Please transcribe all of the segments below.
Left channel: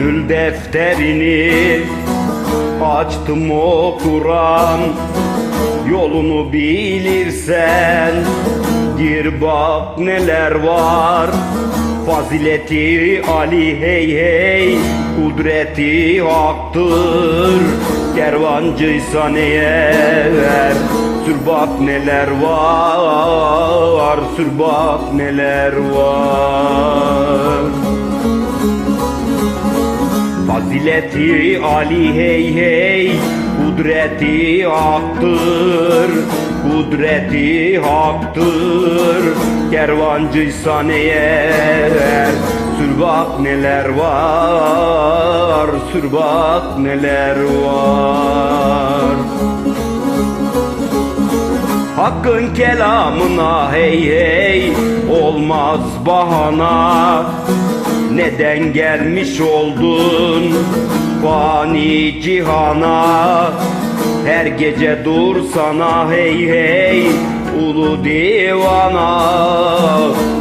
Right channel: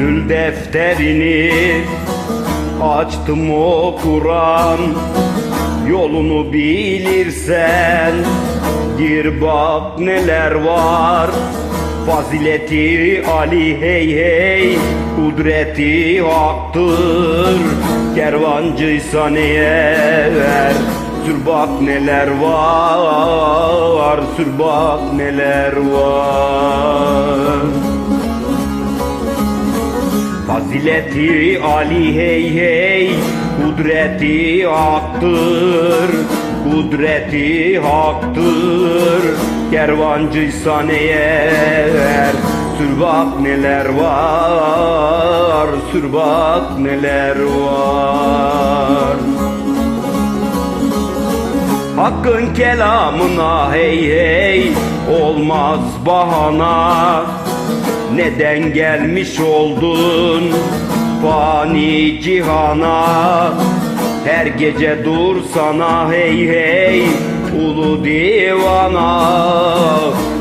Gönül defterini açtım o Kur'an. Yolunu bilirsen gir bak neler var. Fazileti Ali hey hey Kudreti haktır Kervancıysan eğer Sür bak neler var Sür bak neler var Fazileti Ali hey hey Kudreti haktır Kudreti haktır Kervancıysan eğer Sür bak neler var Sür bak neler var. Hakkın kelamına hey hey Olmaz bahana neden gelmiş oldun fani cihana? Her gece dur sana hey hey ulu divana.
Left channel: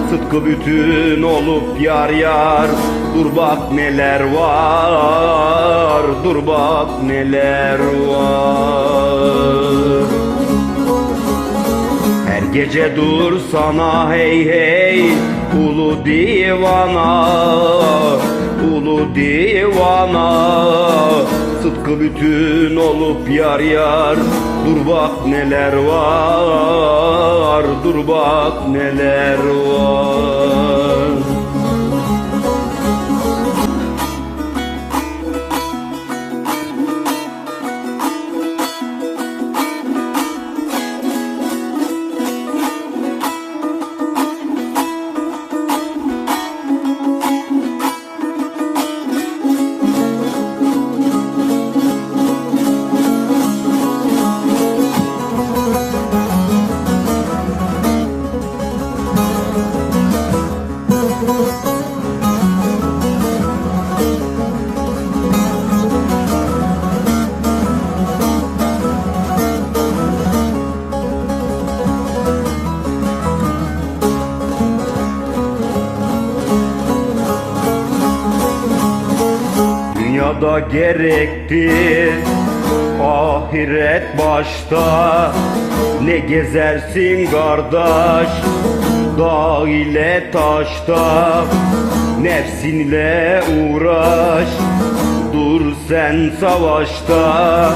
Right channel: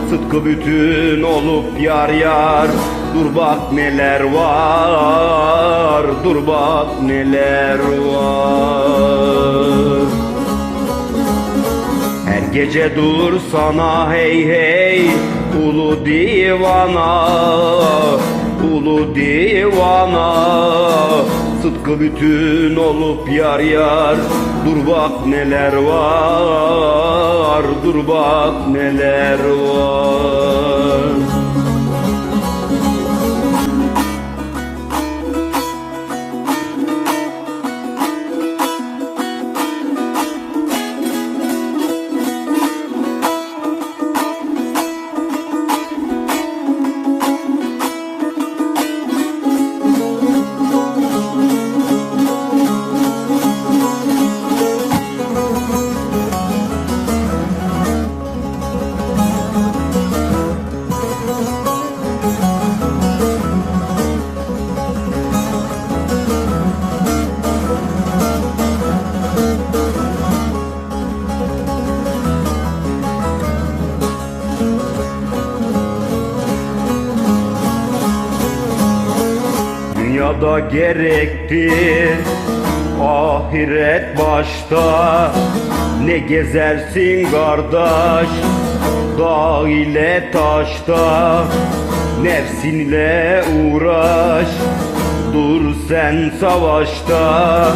Sıtkı bütün olup yar yar Dur bak neler var Dur bak neler var. Her gece dur sana hey hey Ulu divana Ulu divana. Sıtkı bütün olup yar yar Dur bak neler var Dur bak neler var Dünyada gerektir. Ahiret başta. Ne gezersin kardeş? Dağ ile taşta. Nefsinle uğraş. Dur sen savaşta.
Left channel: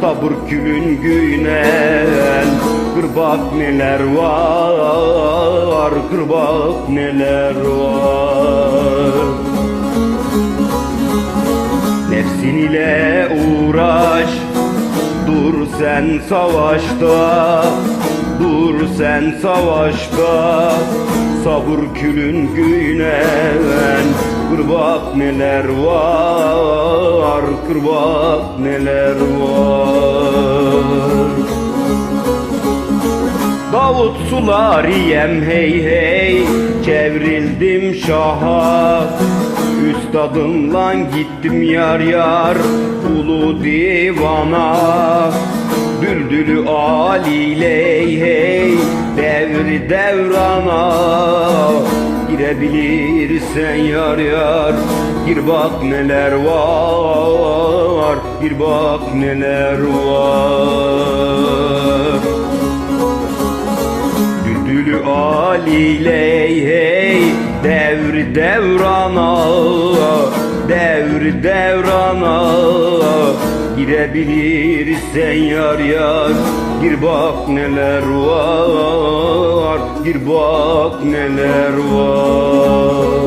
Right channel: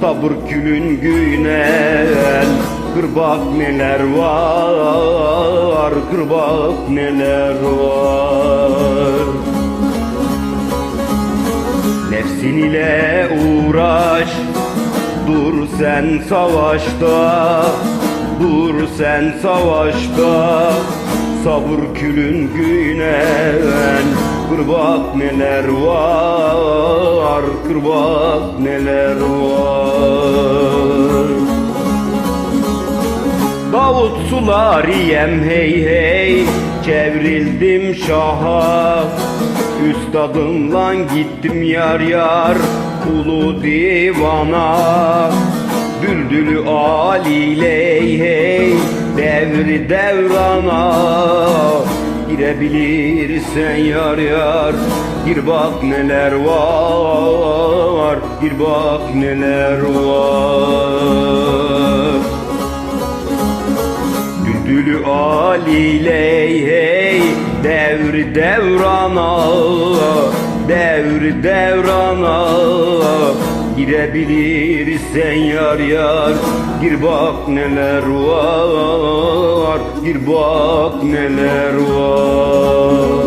Sabır külün günen Kır bak neler var? Kır bak neler var Nefsin ile uğraş. Dur sen savaşta Dur sen savaşta. Sabır külün günen Kır bak neler var Kır bak neler var? Davut sulariyem hey hey Çevrildim şaha Üstadımla gittim yar yar Ulu divana. Düldülü aliyle hey hey Devri devrana. Girebilirsen yar yar Gir bak neler var. Gir bak neler var Düldülü aliyle hey Devri devrana Devri devrana Girebilirsen yar yar Gir bak neler var Gir bak neler var